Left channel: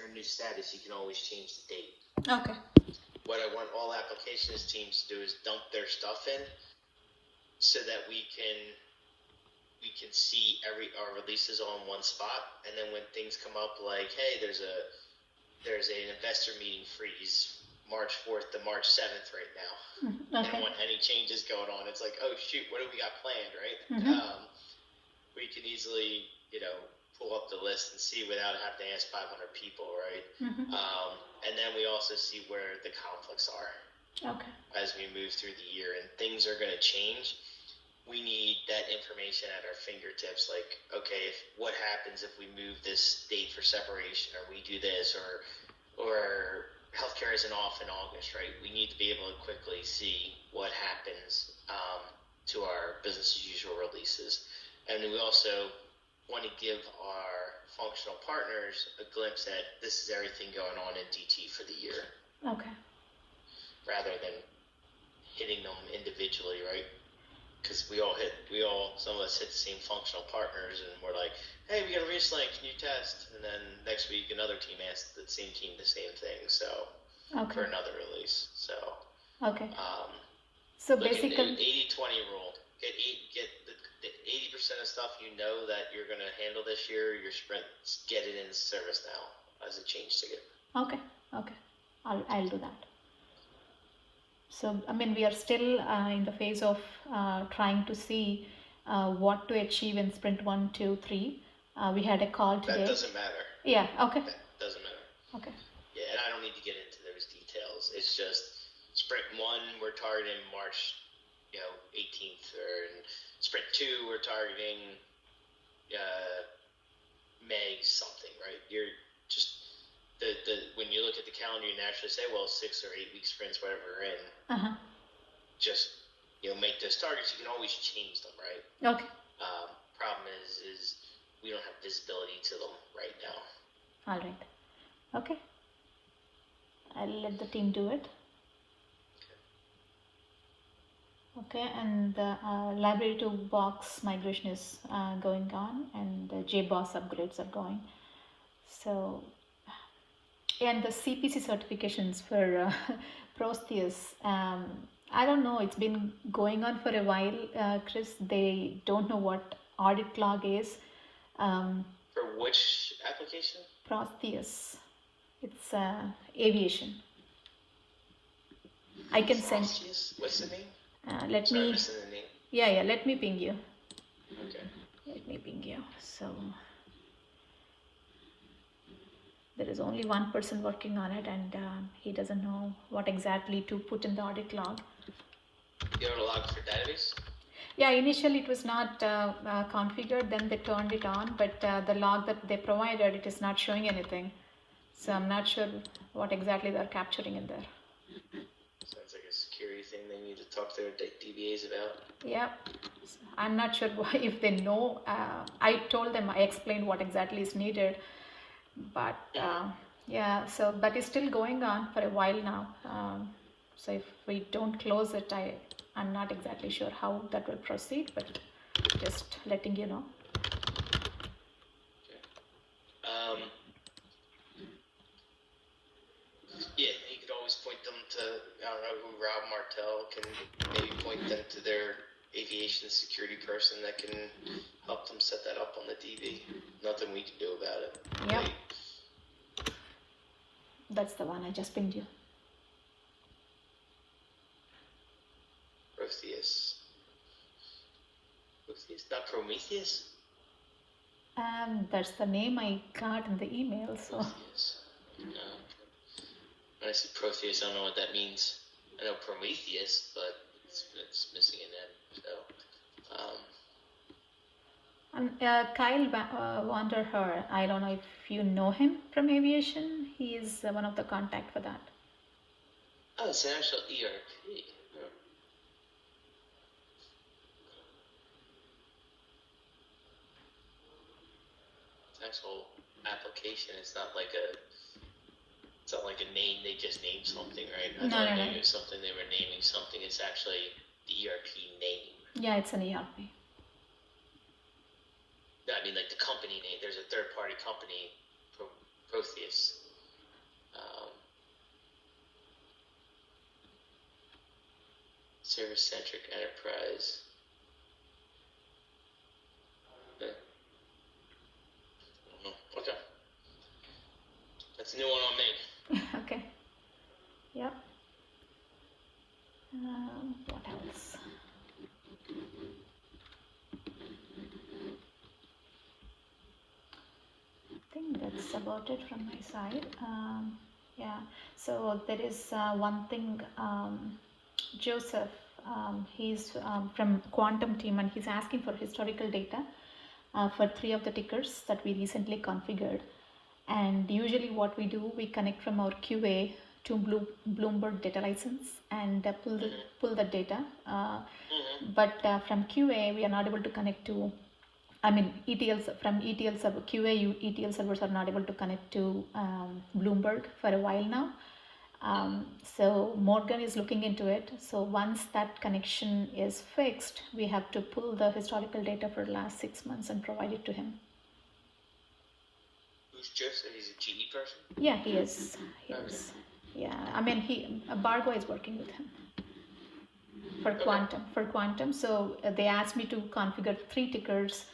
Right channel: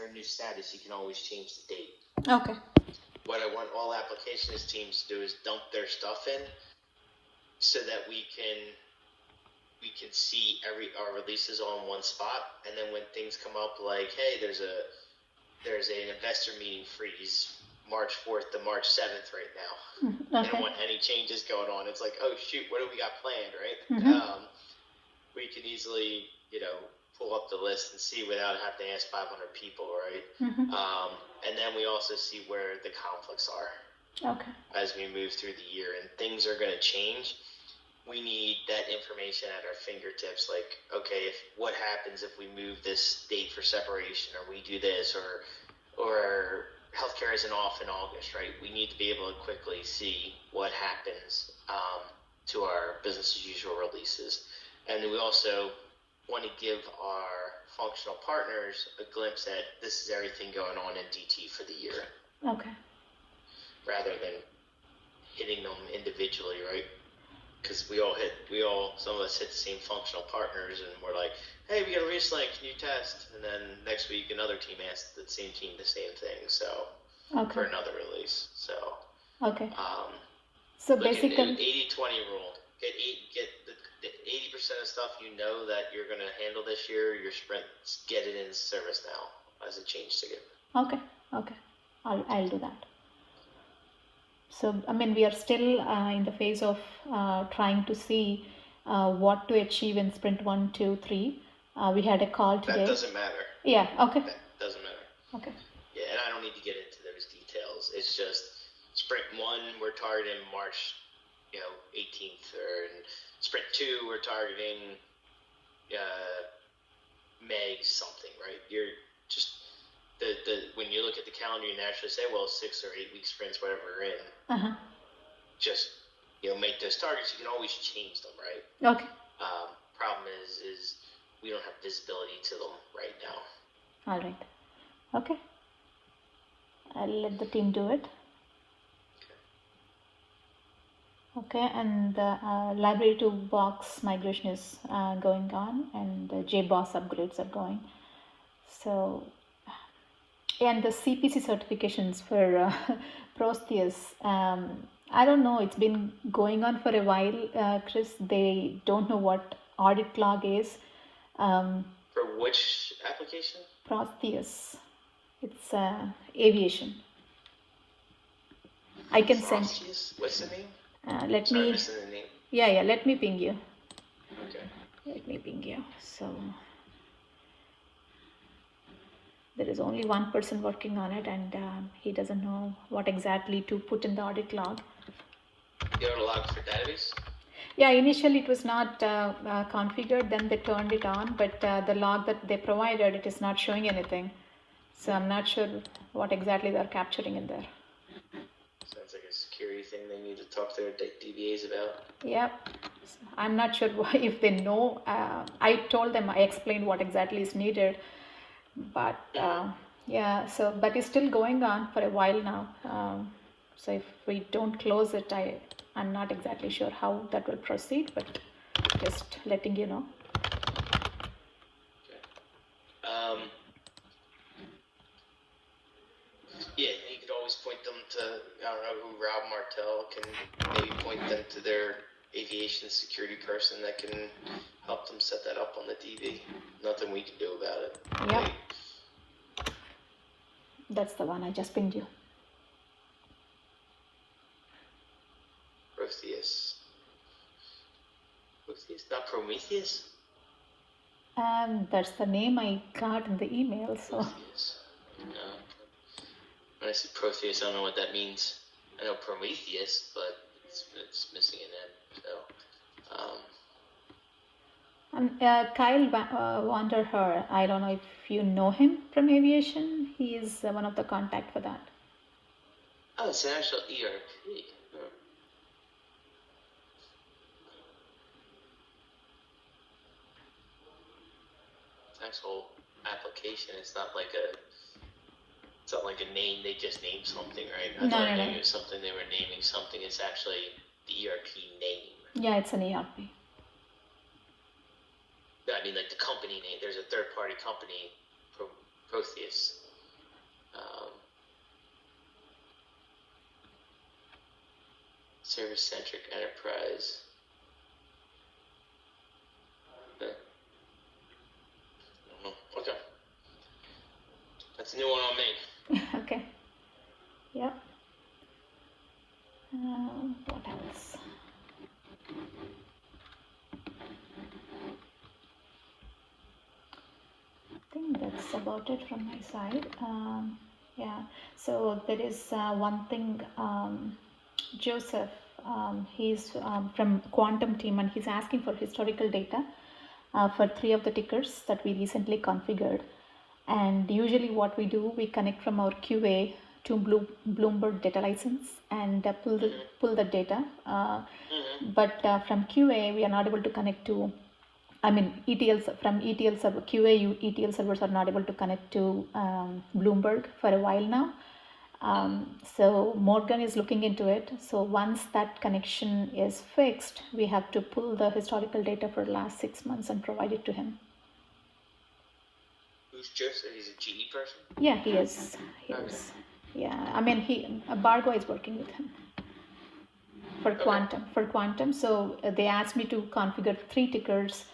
they're in new status, you can always change the date. Okay. What I want all applications teams to do is dump their stuff in so that we can see our releases all in one spot, and then when things come up like, hey, there's an investor meeting freeze March 4th to March 7th right now. Okay. I don't want any changes going on. It's like, oh shoot, what do we got planned, right? We can easily, pull up the list and see without having to ask 500 people, right? And then we also see where the conflicts are. Okay. As we move through the year, and things are going to change. We need that information at our fingertips. Like, okay, what happens if we move this date for separation, or we do this, or healthcare isn't off in August, right? We need to be able to quickly see what happens to our business as usual releases. And we also want to give our functional partners a glimpse at this is everything going on in DT for the year. Okay. Rather than hitting them individually, right? Because some of us hit the same functional partners, and we're like, hey, we got a reslink, can you test? And then next week another team asks the same team the same thing, so for another release. So okay. So basically 80-20 rule. Get the 80% of stuff that you're going to handle this year, your sprints, get it in service now as a change ticket. Okay. I'll do that. So, we are still in the phase of trying to see what to achieve in sprint 1, 2, 3. We had a call today. That doesn't matter. Yeah, okay. That doesn't matter. Okay. Yeah, and I don't need to get into those details. It's just sprint 1, we're targeting March, 18th, or in sprint 2, we're targeting May something, right? You're just when you look at the calendar, you naturally say, well, 6 or 8 week sprints, whatever we're in. Just make those targets. You can always change them, right? Okay. Problem is we don't have visibility to them right now. All right. Okay. I'll let the team do it. Okay, and the library to box migration is going on, and the JBoss upgrades are going. So, and the CPC certifications for Protheus, I don't know, it's been going on for a while, Chris. They don't know what audit log is. For which application? Protheus. It's aviation. I can send. What's the name? Let me. Yeah. Let me ping you. Okay. Let me ping you. So there is only one person working on it, and he doesn't know what exactly to put in the audit log. You have a log for database? Yeah, initially it was not configured, then they turned it on, but the log that they provided, it is not showing anything. So I'm not sure what exactly they're capturing in there. Sounds like a security thing they need to talk to their DBAs about. Yeah, I'm not sure if they know. I told them, I explained what exactly is needed, but yeah, so that is still going on for a while now. So if we don't close it, I'm not exactly sure how that will proceed, but just letting you know. Okay. Yeah, you could always point them to, I don't know who, Rob Martell can maybe point them to their aviation security person that can help them set that up on the DB. Nothing we can do about it. Yeah. Right? That's the one I just pinged you. Protheus, not Prometheus? That's the name I got in the email, so. Protheus. No. When I see Protheus, I don't know what that means. I know Prometheus, but it's missing an N. So, Kyle Wanderher, I don't know if you know him from aviation. He is one of the contact for that. Oh, it's an actual ERP. Actual application. It's not like a name. They just named something, right? I thought maybe it was something they were naming something. It's actually the ERP name. Yeah, it's an ERP. I mean, like the company name. There's a third-party company, Protheus. Service-centric enterprise. Okay. That's a new one on me. Okay. Yep. What else? I think that's about it from my side. Yeah. So there is one thing. Joseph, he's from Quantum team, and he's asking for historical data for 3 of the tickers that we recently configured. And usually what we do, we connect from our QA to Bloomberg data license and pull the data. But from QA, we are not able to connect to, from ETL server, QA ETL servers are not able to connect to Bloomberg for a while now. So Morgan is looking into it. So once that connection is fixed, we have to pull the historical data for the last 6 months and provide it to him. Who's Joseph? He's a GE person? Yeah, he is. He is. Yeah, Bargo is working with him for Quantum. So they asked me to configure 3 tickers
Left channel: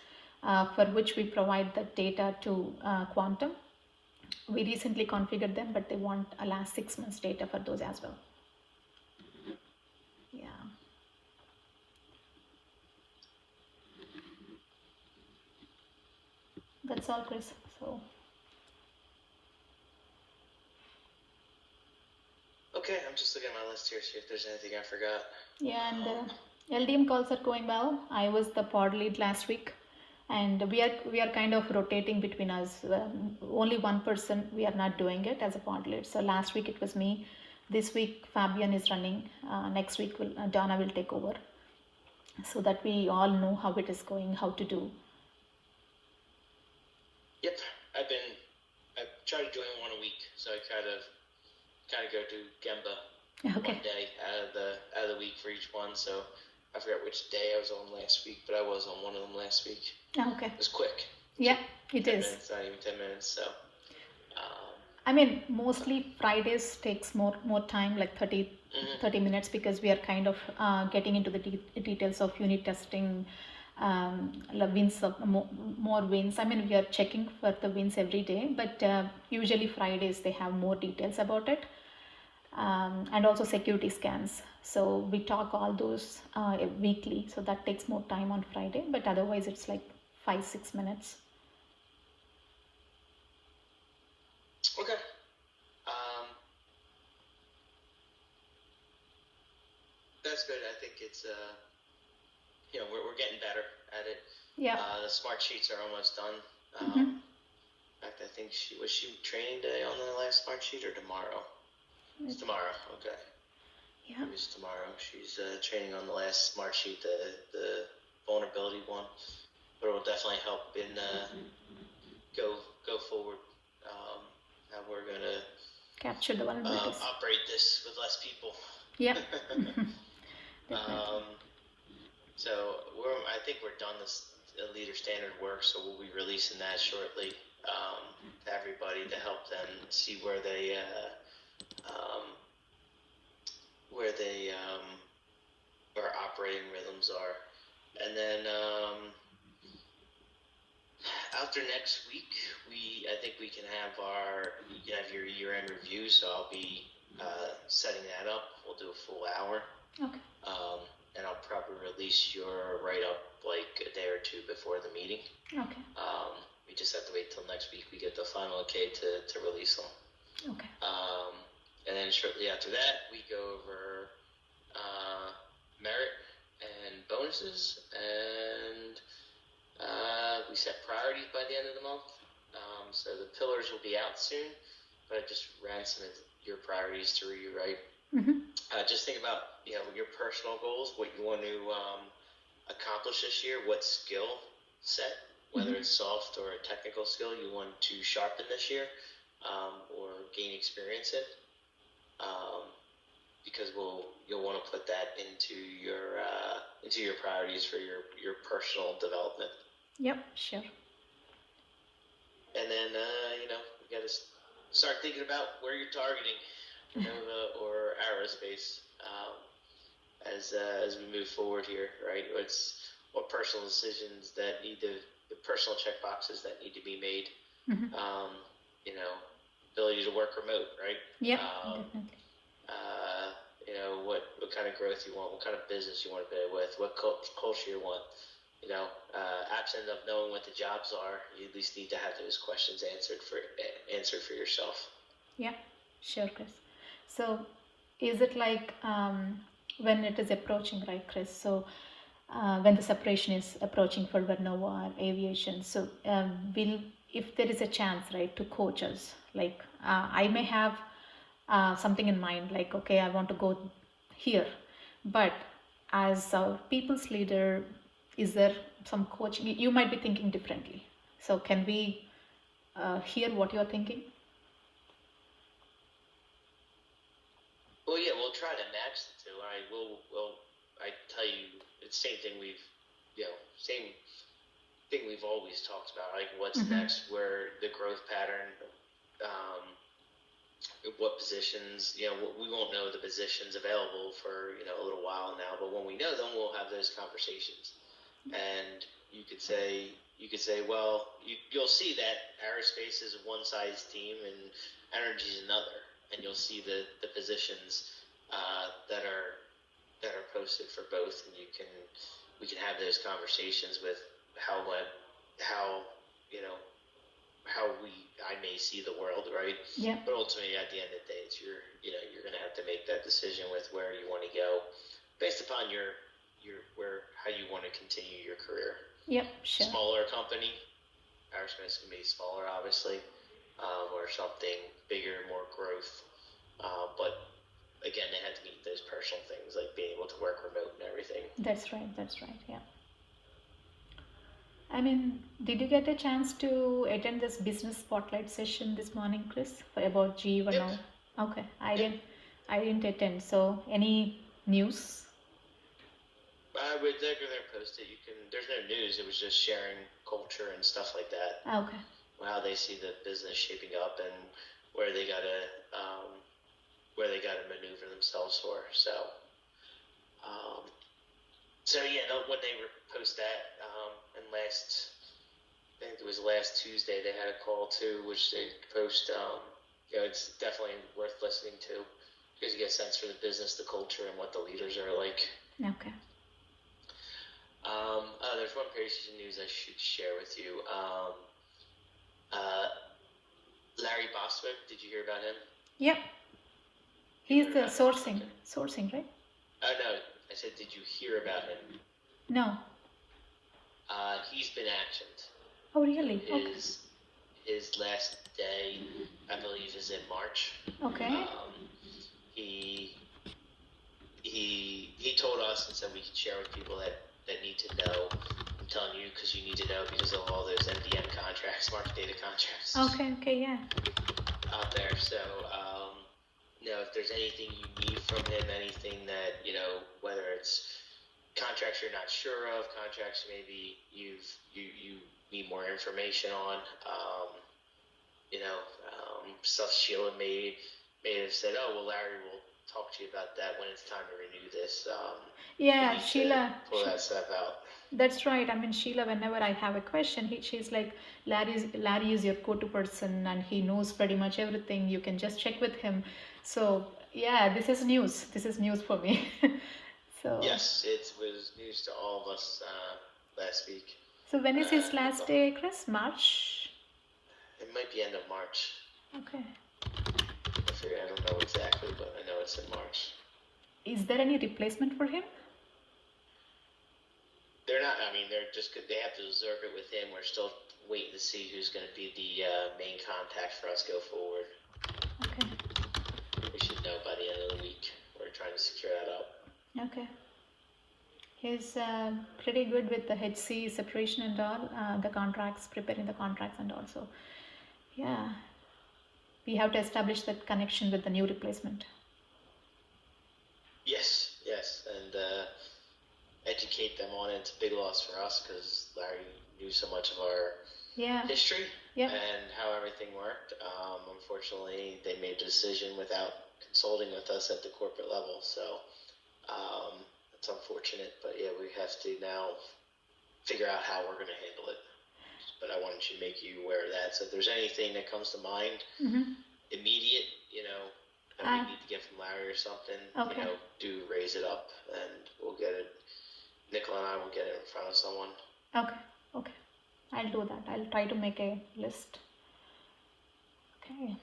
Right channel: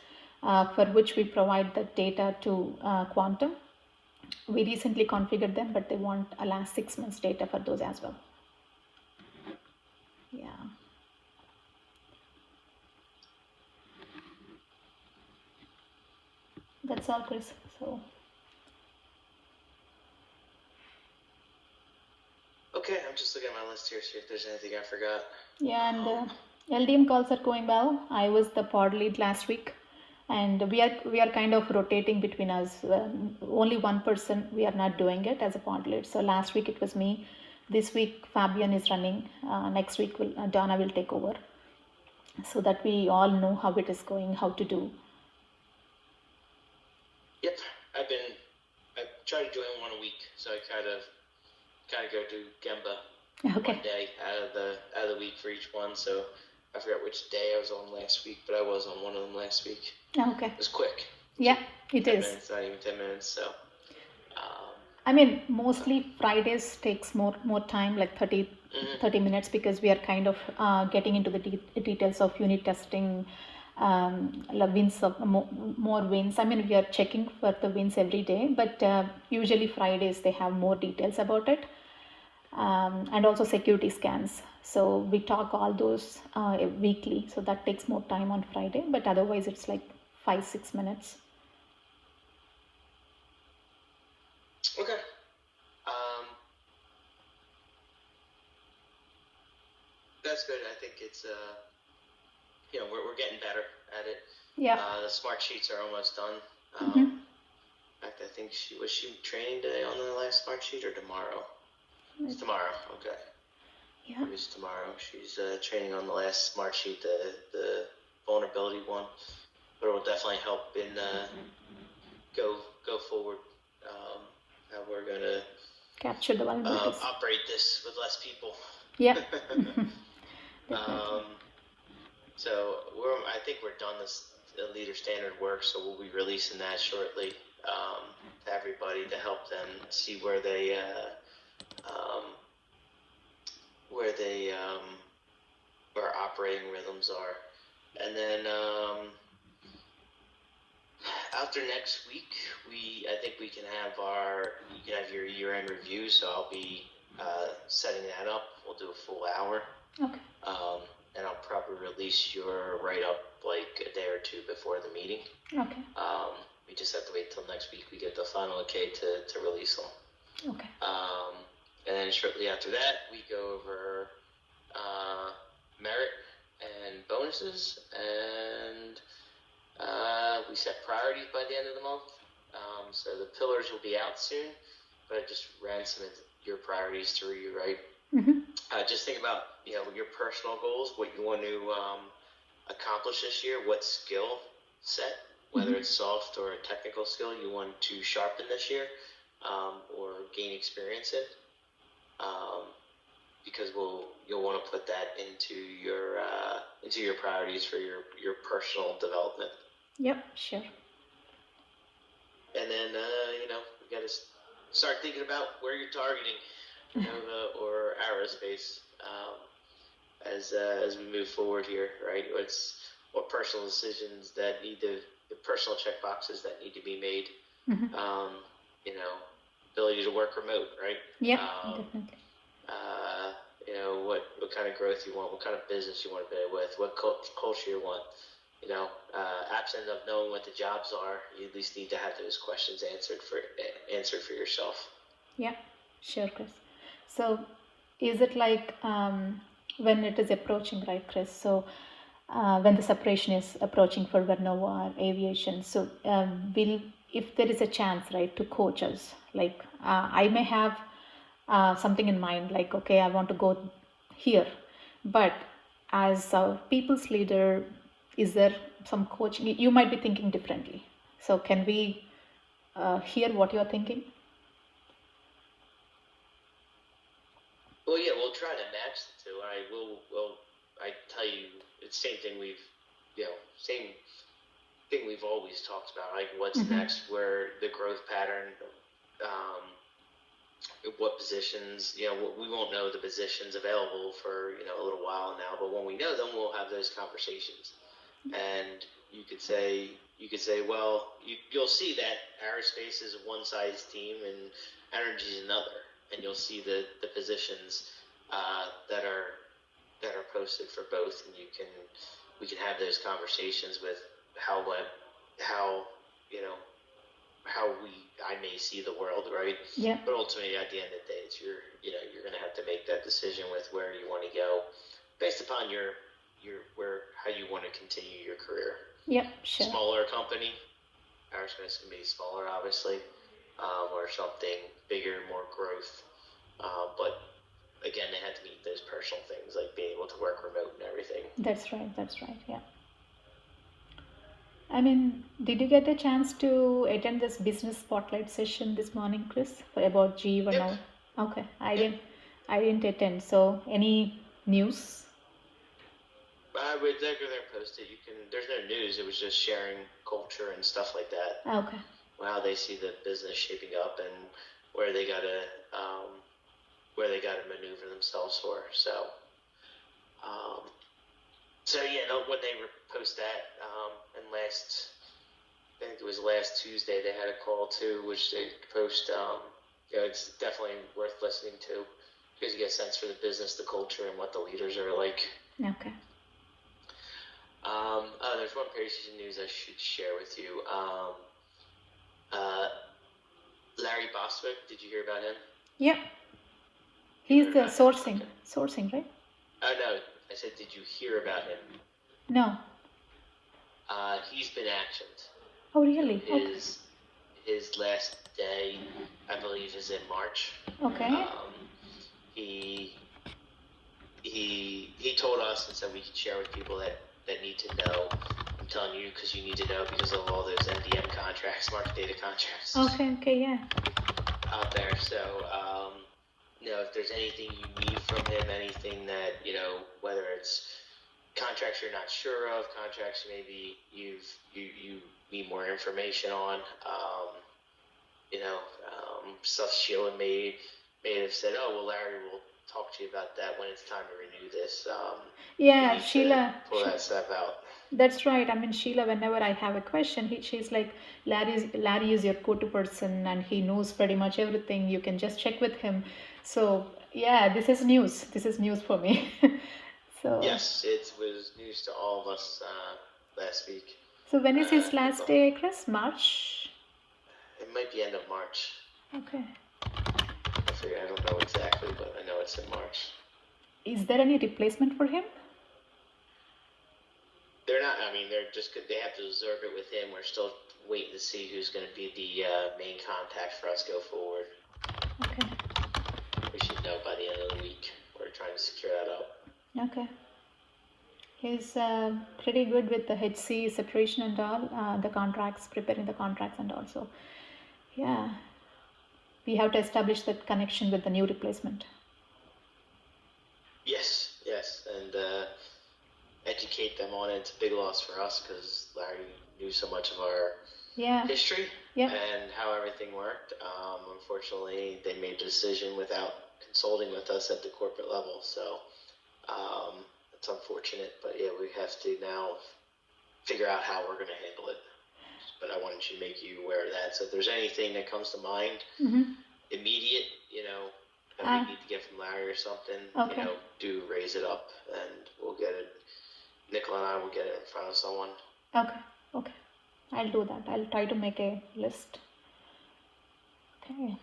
for which we provide the data to Quantum. We recently configured them, but they want a last 6 months data for those as well. Yeah. That's all, Chris. So. Okay, I'm just looking at my list here, see if there's anything I forgot. Yeah, and LDM calls are going well. I was the pod lead last week, and we are kind of rotating between us. Only one person we are not doing it as a pod lead. So last week it was me. This week Fabian is running. Next week Donna will take over, so that we all know how it is going, how to do. Yep, I've tried doing one a week, so I kind of go do Gemba one day out of the week for each one. So I forgot which day I was on last week, but I was on one of them last week. Okay. It was quick. Yeah, it 10 is. minutes, not even 10 minutes. So. Mostly Fridays takes more time, like 30 minutes, because we are kind of getting into the details of unit testing, wins of more wins. We are checking for the wins every day, but usually Fridays they have more details about it, and also security scans. So we talk all those weekly, so that takes more time on Friday, but otherwise it's like 5-6 minutes. Okay. That's good. I think it's we're getting better at it. Yeah. The smart sheets are almost done. In fact, I think she training today on the last smart sheet or tomorrow? It's tomorrow. Okay. Yeah. It was tomorrow. She's training on the last smart sheet, the vulnerability one, but it will definitely help in go forward. How we're gonna capture the vulnerabilities. Operate this with less people. Yeah. So I think we're done this leader standard work, so we'll be releasing that shortly to everybody to help them see where where operating rhythms are, and then after next week, I think we can have your year-end review. So I'll be setting that up. We'll do a full hour. Okay. And I'll probably release your write-up like a day or two before the meeting. Okay. We just have to wait till next week. We get the final okay to release them. Okay. And then shortly after that, we go over merit and bonuses, and we set priorities by the end of the month. So the pillars will be out soon, but I just ran some of your priorities through you, right? Just think about your personal goals, what you want to accomplish this year, what skill set, whether it's soft or a technical skill, you want to sharpen this year or gain experience in, because you'll want to put that into your priorities for your personal development. Yep, sure. And then we got to start thinking about where you're targeting, Nova or Aerospace. as we move forward here, right? It's what personal decisions that need the personal check boxes that need to be made. Mm-hmm. You know, ability to work remote, right? Yeah, definitely. You know, what kind of growth you want, what kind of business you want to be with, what culture you want. You know, absent of knowing what the jobs are, you at least need to have those questions answered for yourself. Yeah, sure, Chris. So, is it like when it is approaching, right, Chris? So, when the separation is approaching for Vernova or aviation, so will, if there is a chance, right, to coach us, like I may have something in mind, like, okay, I want to go here, but as a people's leader, is there some coaching? You might be thinking differently. So, can we hear what you're thinking? Well, yeah, we'll try to match the two. I tell you, it's the same thing we've always talked about. Like, what's next? Where the growth pattern, what positions? You know, we won't know the positions available for a little while now. But when we know them, we'll have those conversations. And you could say, well, you'll see that aerospace is one size team and energy is another. And you'll see the positions that are posted for both, and we can have those conversations with how I may see the world, right? Yeah. But ultimately, at the end of the day, it's you're going to have to make that decision with where you want to go, based upon how you want to continue your career. Yep, sure. Smaller company, aerospace can be smaller, obviously. Or something bigger, more growth. But again, they had to meet those personal things like being able to work remote and everything. That's right, yeah. I mean, did you get a chance to attend this business spotlight session this morning, Chris, about GE Vernova? Yep. Okay, I didn't attend. So, any news? They're gonna post it. There's no news. It was just sharing culture and stuff like that. Okay. How they see the business shaping up and where they gotta maneuver themselves for. So yeah, when they post that, and I think it was last Tuesday, they had a call too, which they post. It's definitely worth listening to because you get a sense for the business, the culture, and what the leaders are like. Okay. There's one piece of news I should share with you. Larry Bostwick, did you hear about him? Yep. He's the sourcing, right? No, I said, did you hear about him? No. He's been actioned. Oh, really? His last day, I believe, is in March. Okay. He told us and said we could share with people that need to know. I'm telling you because you need to know because of all those MDM contracts, market data contracts. Okay, yeah. Out there. So, if there's anything you need from him, anything that, whether it's contracts you're not sure of, contracts maybe you need more information on, stuff Sheila may have said, oh, well, Larry will talk to you about that when it's time to renew this. Yeah, Sheila. Pull that stuff out. That's right. I mean, Sheila, whenever I have a question, she's like, Larry is your go-to person and he knows pretty much everything. You can just check with him. So, yeah, this is news. This is news for me. So. Yes, it was news to all of us last week. So, when is his last day, Chris? March? It might be end of March. Okay. I don't know exactly, but I know it's in March. Is there any replacement for him? They're not. I mean, they have to observe it with him. We're still waiting to see who's going to be the main contact for us go forward. Okay. We should know by the end of the week. We're trying to secure that up. Okay. He's pretty good with the HC separation and all, the contracts, preparing the contracts and all. So, yeah, we have to establish that connection with the new replacement. Yes, and educate them on it. It's a big loss for us because Larry knew so much of our history and how everything worked. Unfortunately, they made a decision without consulting with us at the corporate level. So, it's unfortunate, but yeah, we have to now figure out how we're going to handle it. But I wanted to make you aware of that. So if there's anything that comes to mind, immediate, that we need to get from Larry or something, Okay. do raise it up, and we'll get it. Nicola and I will get it in front of someone. Okay. I'll do that. I'll try to make a list. Okay.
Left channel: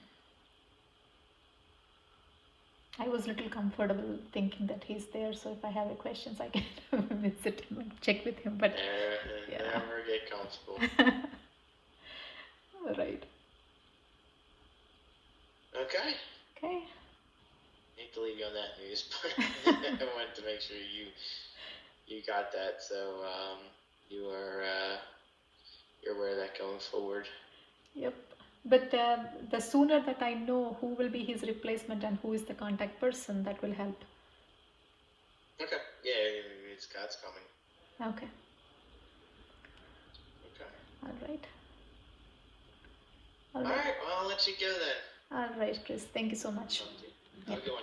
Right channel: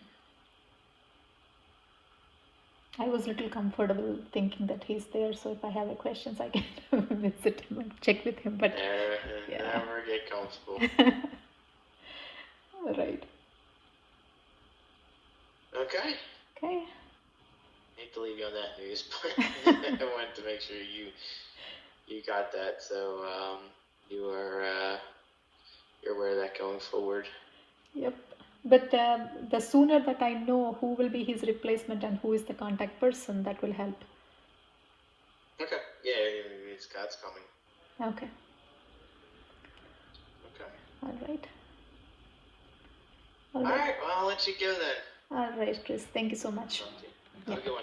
I was a little comfortable thinking that he's there, so if I have questions, I can visit him and check with him. But Never get comfortable. Right. Okay. Hate to leave you on that news, but I wanted to make sure you got that. So you're aware of that going forward. Yep. But the sooner that I know who will be his replacement and who is the contact person, that will help. Okay. Yeah, Scott's coming. Okay. All right. All right. Well, I'll let you go then. All right, Chris. Thank you so much. Have a good one.